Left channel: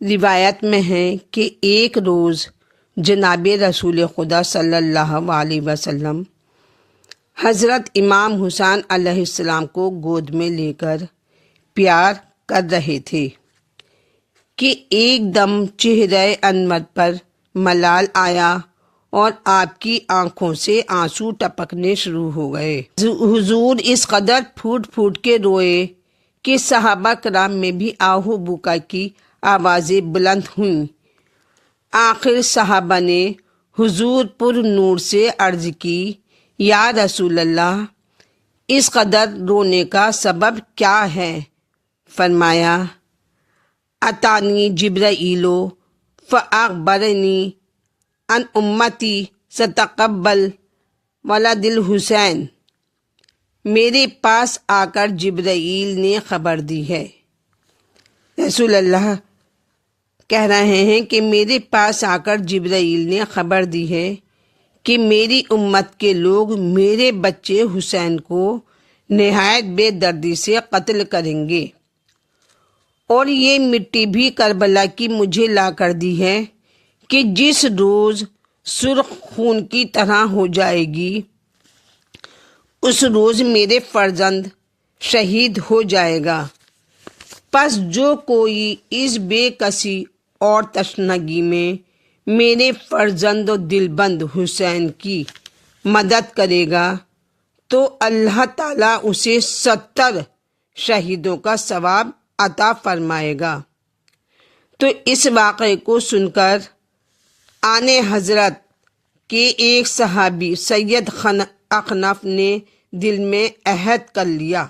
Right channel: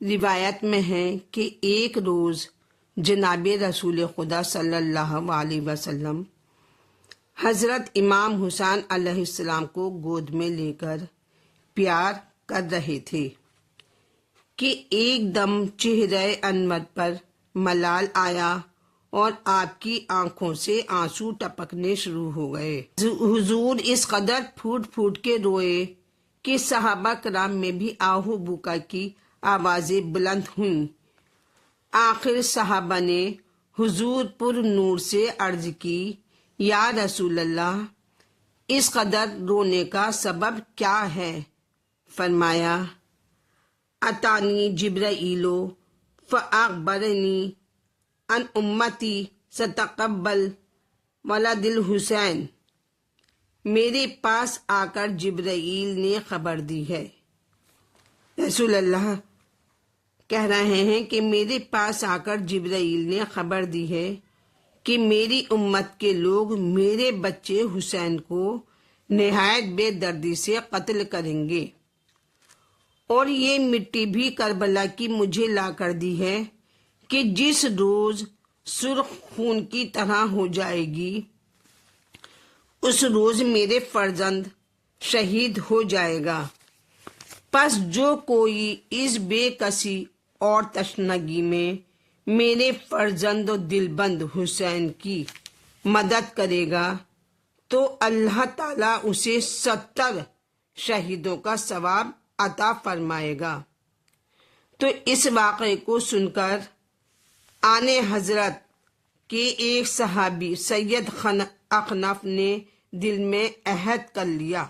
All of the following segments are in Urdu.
روایت میں ہے کہ ایک روز جناب رسول خدا صلی اللہ علیہ وسلم حضرت امام حسین علیہ السلام کو گود میں لے کر پیار کر رہے تھے کہ ایک دم چہرہ انور پر ملال آیا اور آپ کی آنکھوں سے آنسو ٹپکنے شروع ہو گئے۔ حضور اس قدر پھوٹ پھوٹ کے روئے کہ صحابہ کرام میں بھی آہو بکا کی آوازیں بلند ہوئیں۔ آخر صحابہ نے حضور پر نور سے عرض کی، یا رسول اللہ، اس قدر رونے کا سبب کیا ہے؟ فرمایا، اتانی جبرائیل فاخبرنی ان امتی ستقبل ولد الحسین۔ میرے پاس آ کر جبرائیل نے خبر دی ہے، رسول اللہ کہہ رہے ہیں کہ میرے پاس آ کر جبرائیل نے خبر دی ہے کہ میری امت کے لوگ میرے بچے حسین کو نہایت بے دردی سے قتل کریں گے، اور یہ مٹی بھی کربلا کی مجھے لا کر دی ہے کہ جس روز سرخ خون کی طرح ہو جائے گی اس روز میرے فرزند شہید ہو جائے گا۔ پس جو کوئی اس بے کسی اور تشنگی میں میرے فرزند و دلبند حسین کی مدد کرے گا تو اللہ تعالیٰ اسے 70 شہیدوں کا ثواب عطا فرمائے گا۔ تو اس واقعے کو سن کر آن حضرت کے ایک صحابی سید اخنف نے دل میں عہد کر لیا،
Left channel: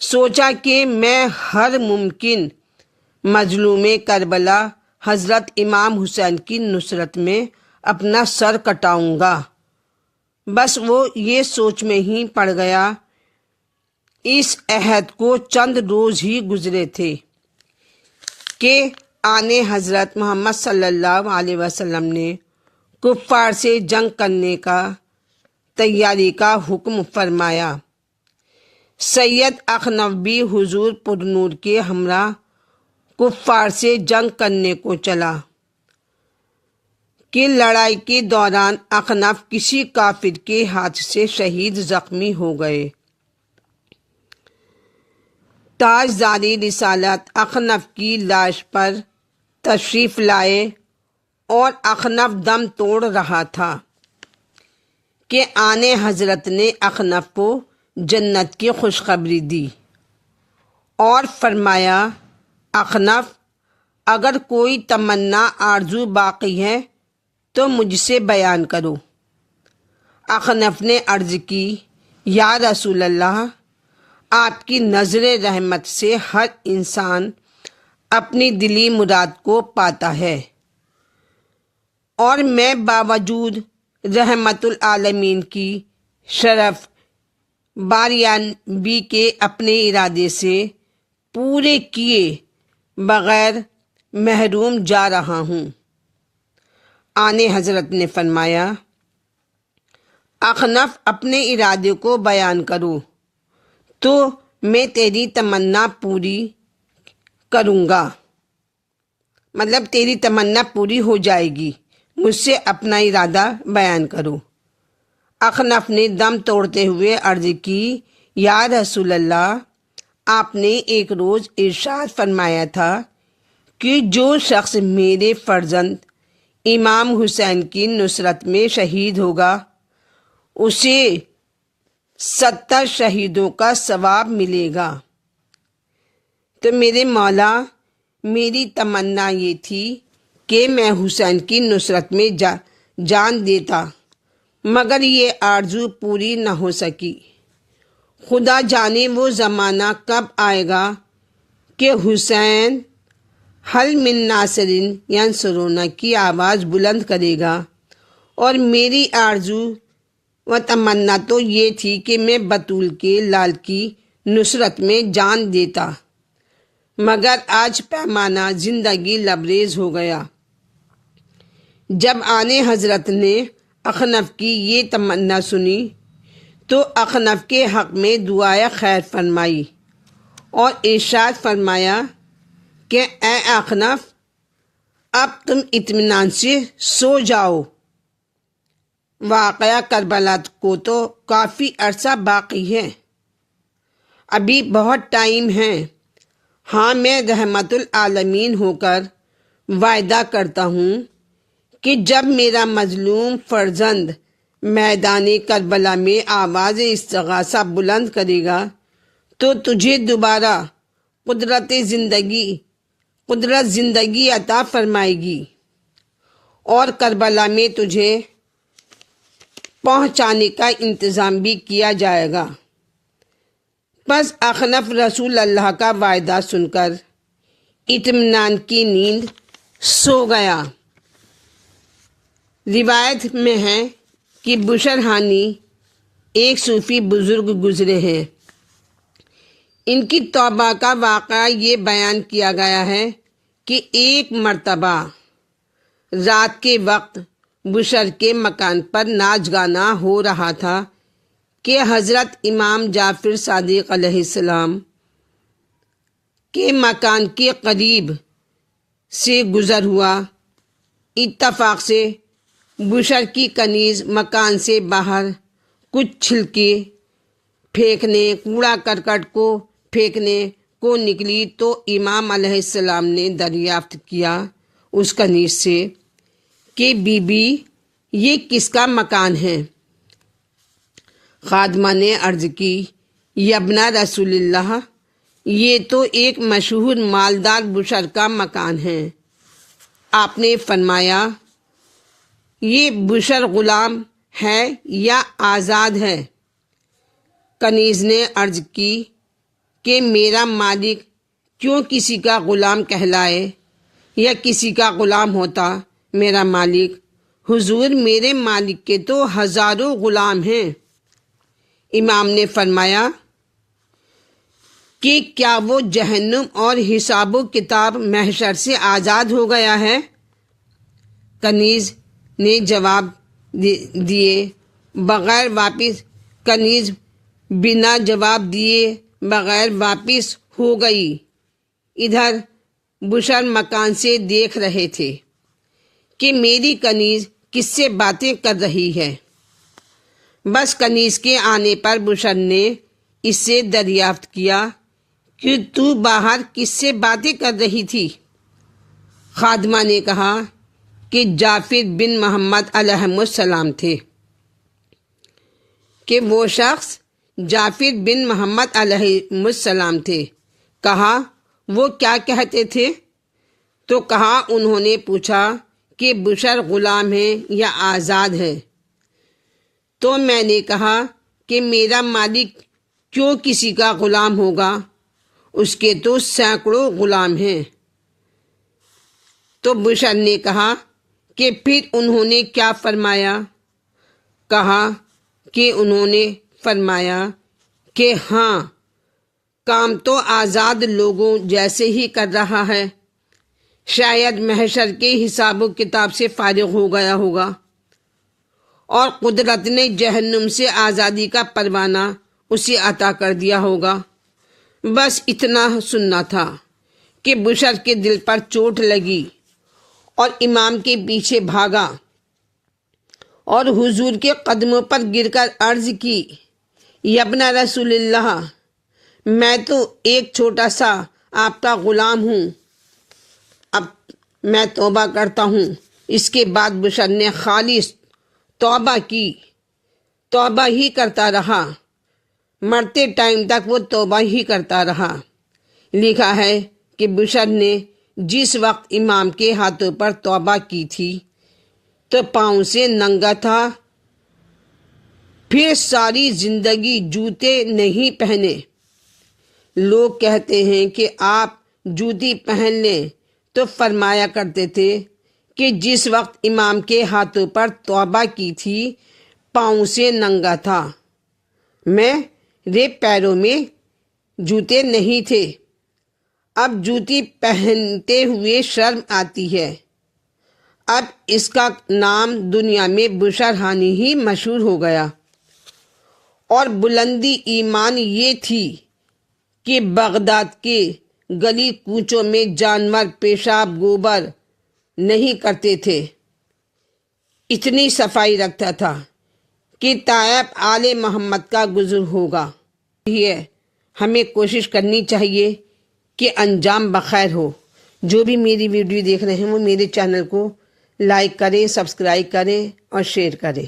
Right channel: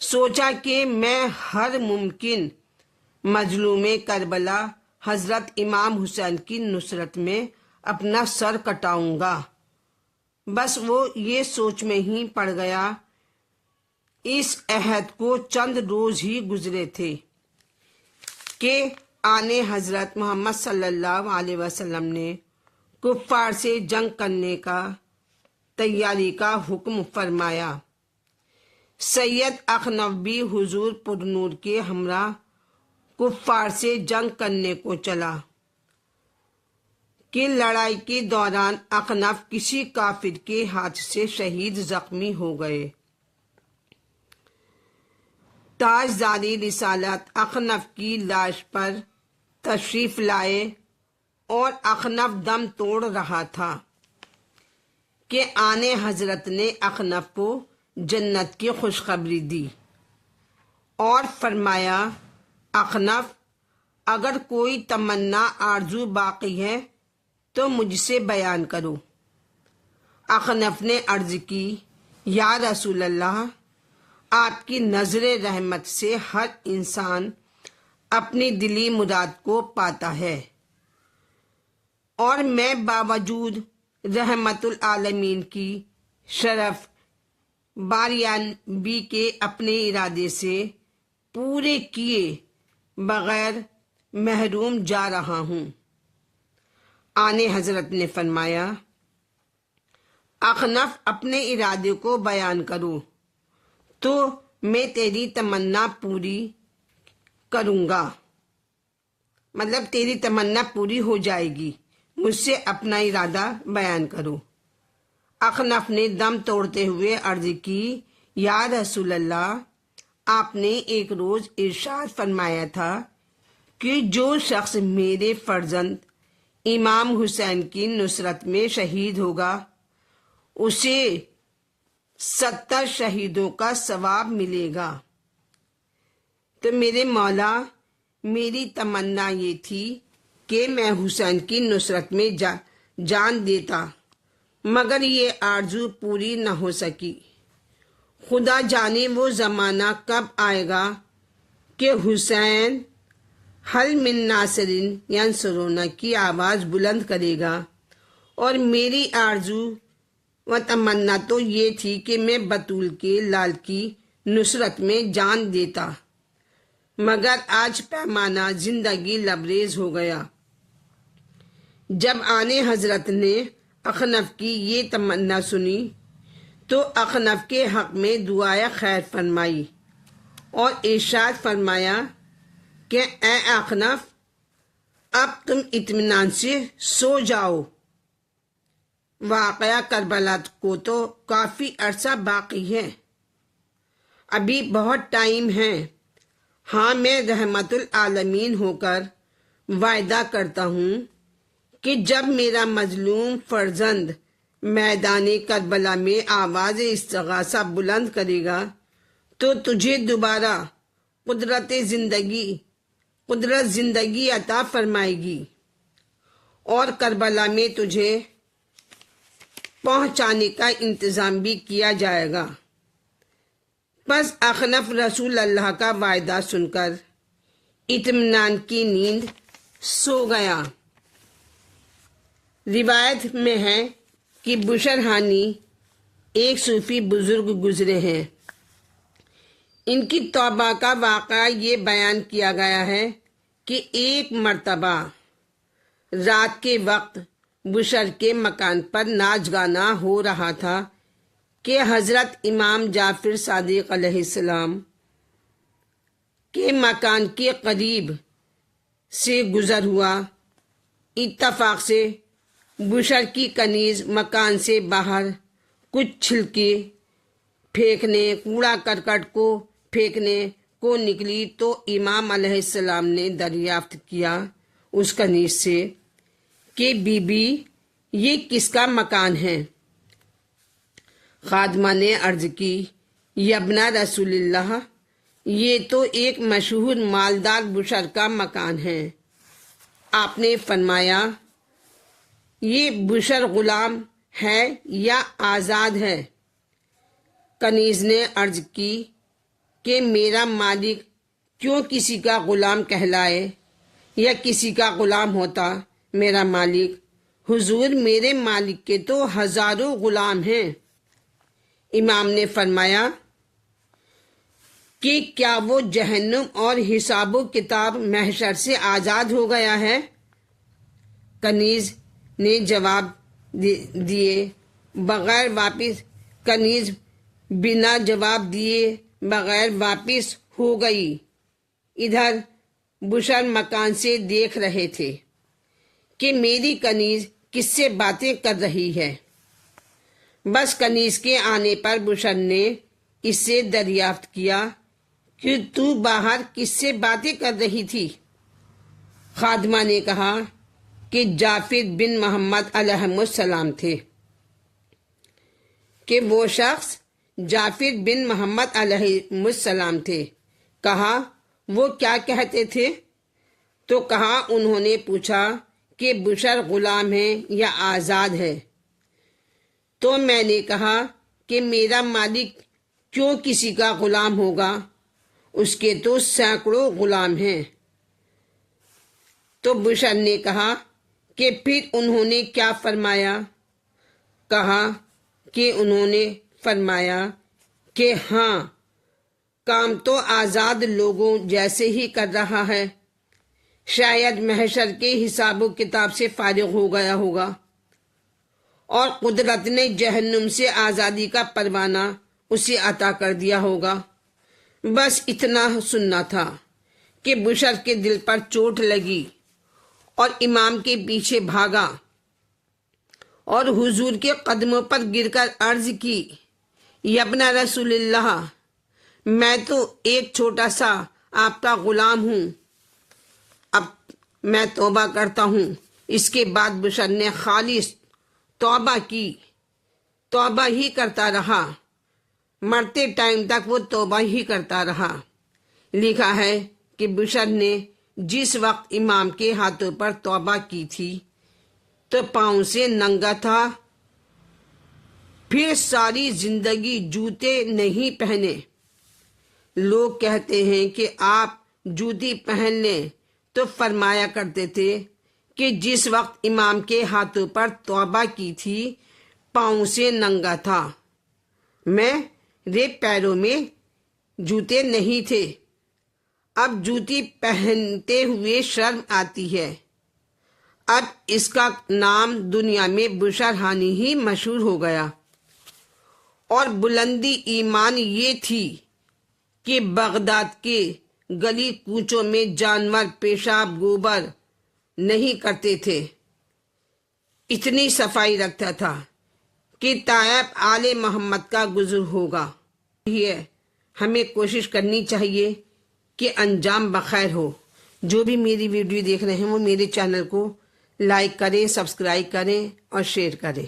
سوچا کہ میں ہر ممکن مظلوم کربلا حضرت امام حسین کی نصرت میں اپنا سر کٹاؤں گا۔ بس وہ یہ سوچ میں ہی پڑ گیا۔ اس عہد کو چند روز ہی گزرے تھے کہ آن حضرت محمد صلی اللہ علیہ وسلم نے کفار سے جنگ کرنے کا تیاری کا حکم فرمایا۔ سید اخنف بھی حضور پر نور کے ہمراہ کفار سے جنگ کرنے کو چلا کہ لڑائی کے دوران اخنف کسی کافر کے ہاتھ سے شہید زخمی ہو گئے۔ تاجداری رسالت اخنف کی لاش پر تشریف لائے اور اخنف دم توڑ رہا تھا کہ آن حضرت نے اخنف کو جنت کی خوشخبری دی اور فرمایا، اخنف، اگر کوئی تمنا آرزو باقی ہے تو مجھ سے بیان کرو۔ اخنف نے عرض کی، یا رسول اللہ، آپ کی نظر رحمت سے ہر انسان اپنی دلی مراد کو پاتا ہے، اور میں باوجود رحمت العالمین کی شرف باریابی کے اپنے ارادے سے پورے کیے بغیر محروم جا رہا ہوں۔ آن حضرت نے فرمایا، اخنف، اپنے ارادے کو بیان کرو تو میں تیری تمنا پوری کروں گا، مطلب تیری تمنا پوری ہو جائے گی، مجھ سے اپنا ارادہ بیان کرو۔ اخنف نے دم توڑتے ہوئے عرض کی، یا رسول اللہ، آپ نے ایک روز ارشاد فرمایا تھا کہ جو شخص میرے فرزند امام حسین کی نصرت میں شہید ہوگا اسے 70 شہیدوں کا ثواب ملے گا۔ تو میرے مولا، میری تمنا یہ تھی کہ میں حسین کی نصرت میں جان دیتا، مگر یہ آرزو پوری نہ ہو سکی۔ خدا جانے وہ زمانہ کب آئے گا کہ حسین حل من ناصرین ینصرون کی آواز بلند کرے گا، اور میری آرزو و تمنا تو یہ تھی کہ میں بطول کے لال کی نصرت میں جان دیتا، مگر آج پیمانہ زندگی لبریز ہو گیا۔ جب آن حضرت نے اخنف کی یہ تمنا سنی تو اخنف کے حق میں دعائے خیر فرمائی اور ارشاد فرمایا کہ اے اخنف اب تم اطمینان سے سو جاؤ، واقعہ کربلا کو تو کافی عرصہ باقی ہے، ابھی بہت ٹائم ہے۔ ہاں میں رحمت العالمین ہو کر وعدہ کرتا ہوں کہ جب میرا مظلوم فرزند میدان کربلا میں آواز استغاثہ بلند کرے گا تو تجھے دوبارہ قدرت زندگی عطا فرمائے گی اور کربلا میں تجھے پہنچانے کا انتظام بھی کیا جائے گا۔ بس اخنف رسول اللہ کا وعدہ سن کر اطمینان کی نیند سو گیا۔ روایت میں ہے کہ بشر ہانی ایک صوفی بزرگ گزرے ہیں، ان کی توبہ کا واقعہ یہ بیان کیا گیا ہے کہ ایک مرتبہ رات کے وقت بشر کے مکان پر ناچ گانا ہو رہا تھا کہ حضرت امام جعفر صادق علیہ السلام کے مکان کے قریب سے گزر ہوا۔ اتفاق سے بشر کی کنیز مکان سے باہر کچھ چھلکے پھینکنے، کوڑا کرکٹ کو پھینکنے کو نکلی تو امام علیہ السلام نے دریافت کیا اس کنیز سے کہ بی بی یہ کس کا مکان ہے؟ خادمہ نے عرض کی یبنا رسول اللہ، یہ تو ایک مشہور مالدار بشر کا مکان ہے۔ آپ نے فرمایا یہ بشر غلام ہے یا آزاد ہے؟ کنیز نے عرض کی کہ میرا مالک کیوں کسی کا غلام کہلائے یا کسی کا غلام ہوتا میرا مالک؟ حضور میرے مالک کے تو ہزاروں غلام ہیں۔ امام نے فرمایا کہ کیا وہ جہنم اور حساب و کتاب محشر سے آزاد ہو گیا ہے؟ کنیز نے جواب دیے کنیز بنا جواب دیے بغیر واپس ہو گئی۔ ادھر بشر مکان سے دیکھ رہے تھے کہ میری کنیز کس سے باتیں کر رہی ہے۔ بس کنیز کے آنے پر بشر نے اس سے دریافت کیا کہ تو باہر کس سے باتیں کر رہی تھی؟ خادمہ نے کہا کہ جعفر بن محمد علیہ السلام تھے۔ کہ وہ شخص جعفر بن محمد علیہ السلام تھے۔ کہا وہ کیا کہتے تھے؟ تو کہا انہوں نے پوچھا کہ بشر غلام ہے یا آزاد ہے؟ تو میں نے کہا کہ میرا مالک کیوں کسی کا غلام ہوگا، اس کے تو سینکڑوں غلام ہیں۔ تو بشر نے کہا کہ پھر انہوں نے کیا فرمایا؟ کہا کہ انہوں نے فرمایا کہ ہاں کام تو آزاد لوگوں جیسے ہی کر رہا ہے، شاید محشر کے حساب و کتاب سے فارغ ہو گیا ہوگا اور قدرت نے جہنم سے آزادی کا پروانہ اسے عطا کر دیا ہوگا۔ بس اتنا سننا تھا کہ بشر کے دل پر چوٹ لگی اور امام کے پیچھے بھاگا اور حضور کے قدموں پر گر کر عرض کی یبنا رسول اللہ، میں تو ایک چھوٹا سا آپ کا غلام ہوں، اب میں توبہ کرتا ہوں۔ اس کے بعد بشر نے خالص توبہ کی، توبہ ہی کرتا رہا، مرتے ٹائم تک وہ توبہ ہی کرتا رہا۔ لکھا ہے کہ بشر نے جس وقت امام کے ہاتھوں پر توبہ کی تھی تو پاؤں سے ننگا تھا، پھر ساری زندگی جوتے نہیں پہنے۔ لوگ کہتے ہیں کہ آپ جوتی پہن لیں تو فرمایا کرتے تھے کہ جس وقت امام کے ہاتھوں پر توبہ کی تھی پاؤں سے ننگا تھا، میرے پیروں میں جوتے نہیں تھے، اب جوتی پہنتے ہوئے شرم آتی ہے۔ اب اس کا نام دنیا میں بشر ہانی ہی مشہور ہو گیا۔ اور بلندی ایمان یہ تھی کہ بغداد کے گلی کوچوں میں جانور پیشاب گوبر نہیں کرتے تھے، اتنی صفائی رکھتا تھا کہ طائب آل محمد کا گزر ہوگا۔ یہ ہمیں کوشش کرنی چاہیے کہ انجام بخیر ہو۔ جو بھی میری ویڈیو دیکھ رہے ہیں وہ میرے چینل کو لائک کریں، سبسکرائب کریں اور شیئر کریں۔